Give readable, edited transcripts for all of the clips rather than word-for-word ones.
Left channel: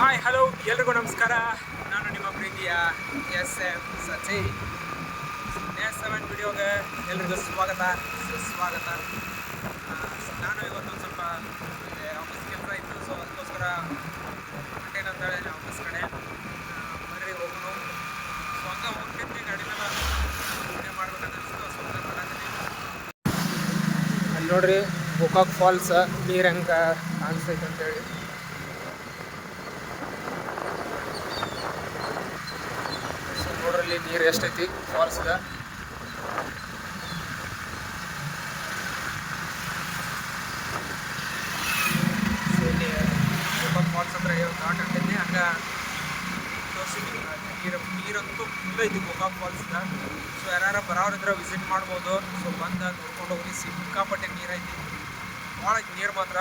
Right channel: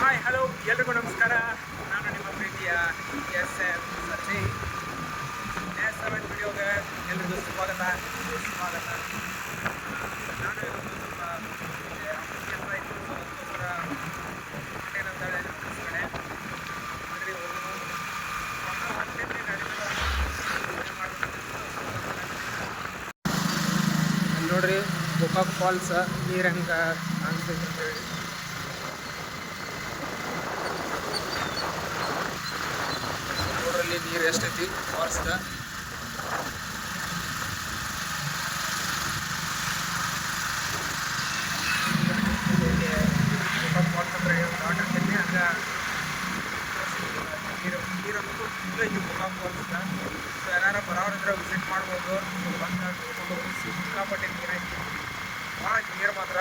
Hi hello ಎಲ್ರಿಗೂ ನಮಸ್ಕಾರ. ನಾನು ನಿಮ್ಮ ಪ್ರೀತಿಯ ಎಸ್ ಸಚಿನ್. S7 ವಿಡಿಯೋಗೆ ಎಲ್ರಿಗೂ ಸುಸ್ವಾಗತ. ನಾನು ಇವತ್ತೊಂದು ಸ್ವಲ್ಪ ಆಫೀಸ್ ಕೆಲಸ ಇತ್ತು, ಸೊ ಅದಕ್ಕೋಸ್ಕರ ಹೊಂಟೇನೆ ಅಂತ ಹೇಳಿ ಆಫೀಸ್ ಕಡೆ ಬರ್ರಿ ಹೋಗೋಣ. ಹಂಗ ಹೋಗ್ತೀನಿ, ಗಾಡಿ ಮೇಲೆ ವಿಡಿಯೋ ಮಾಡ್ಬೇಕಂತ ಸೊ ಮಾಡತ್ತೀನಿ. ಅಲ್ಲಿ ನೋಡ್ರಿ ಗೋಕಾಕ್ ಫಾಲ್ಸ್ ನೀರು ಹೆಂಗೆ ಕಾಣಿಸ್ತೈತೆ ಅಂತೇಳಿ. ನೋಡ್ರಲ್ಲಿ ನೀರು ಎಷ್ಟೈತಿ ಫಾಲ್ಸ್ಗ. ಇಲ್ಲಿ ಗೋಕಾಕ್ ಫಾಲ್ಸ್ ಅಂದ್ರೆ ಘಾಟ್ ಆಗ್ತೈತಿ, ಹಂಗೆ ನೀರಂತೂ ತುಂಬ ಐತಿ ಗೋಕಾಕ್ ಫಾಲ್ಸ್ಗ. ಸೊ ಯಾರು ಬರೋರಿದ್ರೆ ವಿಸಿಟ್ ಮಾಡ್ಬೋದು. ಸೊ ಬಂದು ನೋಡ್ಕೊಂಡು ಹೋಗಿ. ಸಿಕ್ಕಾಪಟ್ಟೆ ನೀರೈತಿ, ಭಾಳ ನೀರು ಮಾತ್ರ.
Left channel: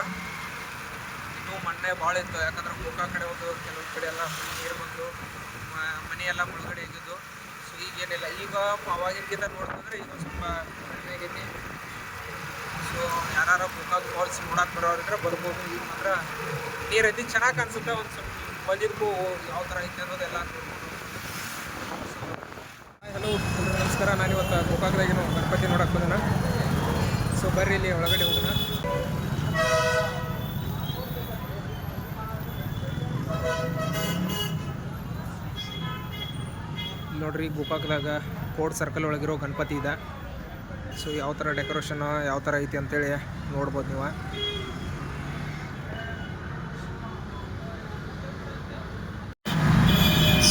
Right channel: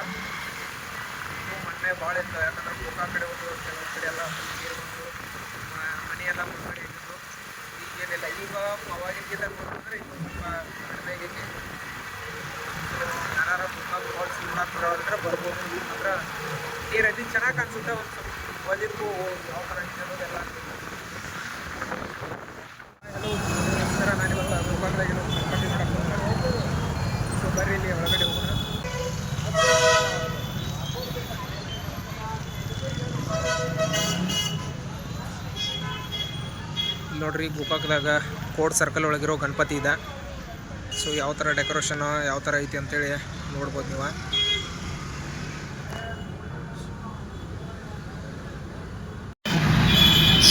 ಇನ್ನೂ ಮಣ್ಣೆ ಭಾಳ ಇತ್ತು, ಯಾಕಂದ್ರೆ ಗೋಕಾಕ್ ಕಡೆ ಒಂದು ಕೆಲವೊಂದು ಕಡೆ ಎಲ್ಲ ನೀರು ಬಂದು ಮನೆಯೆಲ್ಲ ಮುಳುಗಡೆ ಇದ್ದಿದ್ದು. ಸೊ ಈಗೇನಿಲ್ಲ, ಈಗ ಅವಾಗಿನಗಿಂತ ನೋಡಿದ್ರೆ ಈಗ ಒಂದು ಸ್ವಲ್ಪ ಕಡಿಮೆ ಆಗೈತಿ. ಸೊ ಯಾರು ಗೋಕಾಕ್ ಫಾಲ್ಸ್ ನೋಡೋಕೆ ಬರೋರಿದ್ರೆ ಬರ್ಬೋದು. ಈಗ ಮಾತ್ರ ನೀರೈತಿ, ಚೆನ್ನಾಗಿ ಅನ್ಸುತ್ತೆ. ಒಂದು ಸ್ವಲ್ಪ ಬಂದಿದ್ದಕ್ಕೂ ಯಾವ ಥರ ಐತಿ ಅನ್ನೋದೆಲ್ಲ ನೋಡ್ಕೊಂಡು. ಹಾಯ್ ಹಲೋ ಎಲ್ರಿಗೂ ನಮಸ್ಕಾರ. ನಾನಿವತ್ತು ಗೋಕಾಕ್ದಾಗೇನು ಗಣಪತಿ ನೋಡಕ್ಕೆ ಬಂದನ. ಸೊ ಬರ್ರಿ ಇಲ್ಲಿ ಒಳಗಡೆ ಹೋಗೋಣ. ನೋಡ್ರಿ ಗೋಕಾಕ್ದಾಗ ಕೋರ್ಟ್ ಸರ್ಕಲ್ ಒಳಗಿರೋ ಗಣಪತಿ ಇದೆ. ಸೊ ಯಾವ ಥರ ಡೆಕೋರೇಷನ್ ಯಾವ ಥರ ಐತಿ ಅಂತೇಳಿ ನೋಡ್ಬೋದು ನೀವು.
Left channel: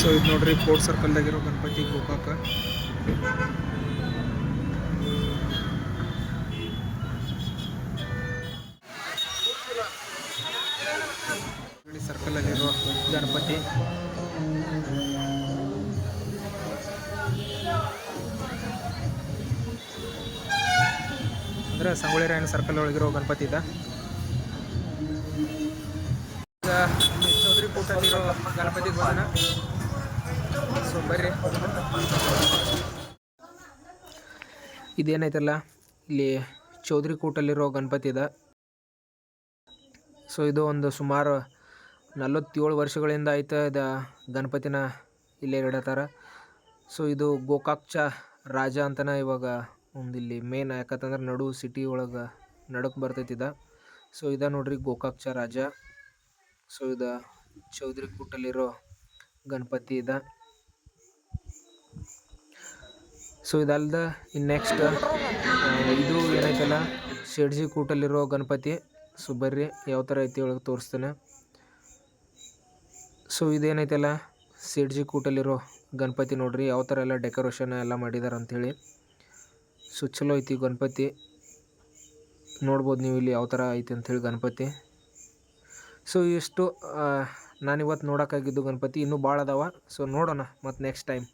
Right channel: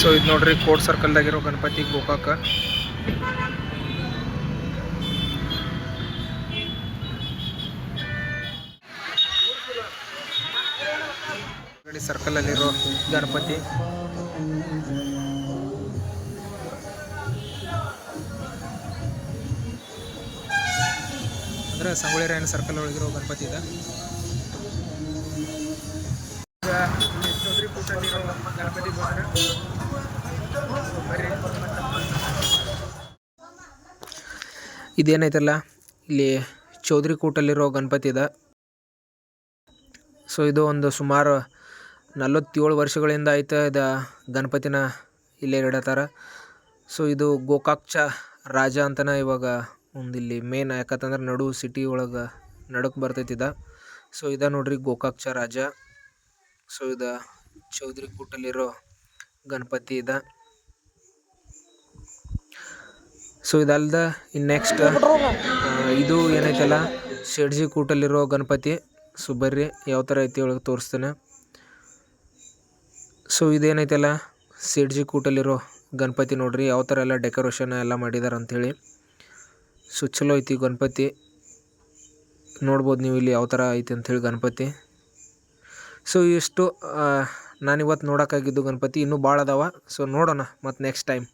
ಸೊ ಇದು ನೋಡ್ರಿ ಕೋರ್ಟ್ ಸರ್ಕಲ್ದಾಗಿರೋ ಗಣಪತಿ ಗೋಕಾಕ. ಸರ್ಕಲಲ್ಲಿರೋ ಗಣಪತಿ. ಅಂದರೆ ಸಂಗೊಳ್ಳಿ ರಾಯಣ್ಣ ಸರ್ಕಲ್ ಒಳಗಿರೋ ಗಣಪತಿ ಇದೆ. ಈಗ ಇಲ್ಲಿ ಚೌಧರಿ ಕೂಟಲ್ಲಿರೋ ಗಣಪತಿಗೆ ಬಂದನ. ಸೊ ಬರ್ರಿ. ಇದೇನೈತಲ್ಲ ಇಲ್ಲಿ ಚೌಧರಿ ಕೂಟಲ್ಲಿರೋ ಗಣಪತಿ ಇದೆ. ಸೊ ಇದು ಒಂದು ಸುಮಾರು 47 ವರ್ಷಗಳಿಂದ ಐತೆ ಇದು ಗಣಪತಿನ ಇಲ್ಲೇ ಇಡತ್ತಾರ. ಸೊ ಇದು ಗೋಕಾಕ್ಚ ರಾಜ ಅಂತಲೇ ಇವಾಗ ಒಂದಿಲ್ಲಿ ಮೇನ್, ಯಾಕಂತಂದ್ರೆ ನಡು ಸಿಟಿ ಒಳಗೆ ನಡಕ್ಕೆ ಬರ್ತೈತಿದ. ಸೊ ಇದ ನೋಡ್ರಿ ಗೋಕಾಕ್ಚ ರಾಜ. ಸೊ ಇದು ಚೌಧರಿ ಕೂಟಲ್ಲಿರೋ ಗಣಪತಿ ಇದೆ. ಸೊ ಇದಲ್ದ ಇನ್ನು ನೆಕ್ಸ್ಟ್ ಇದು ಏನೈತಲ್ಲ ಶೆಡ್ಜಿ ಕೂಟಲ್ಲಿರೋ ಗಣಪತಿ. ಸೊ ಬರ್ರಿ ಯಾವ ಥರ ಐತಿ ಒಳಗೆ ತೋರಿಸ್ತೇನೆ. ಸೊ ಇದೇನೈತಲ್ಲ ಶೆಡ್ಜಿ ಕೂಟಲ್ಲಿರೋ ಗಣಪತಿ. ನೋಡ್ರಿ ಯಾವ ಥರ ಎಲ್ಲ ಡೆಕೋರೇಷನ್ ಎಲ್ಲ ಮಾಡಿದಾರೆ ಅಂಥೇಳಿ. ಸೊ ಚಲೋ ಐತಿ ಗಣಪತಿ, ನೋಡ್ಬೋದು ನೀವು ಇಲ್ಲಿ ಯಾವ ಥರ ಐತಿ ಅಂಥೇಳಿ ಗಣಪತಿ. ಸೊ ಇಷ್ಟು ನಾನಿವತ್ತು ನೋಡೋಕ್ಕಾಗಿದ್ದು ಗಣಪತಿ. ಇನ್ನೂ ಭಾಳ ಅದಾವ. ಸೊ ನೋಡೋಣ ಮತ್ತು ನೆಕ್ಸ್ಟ್ ಟೈಮ್.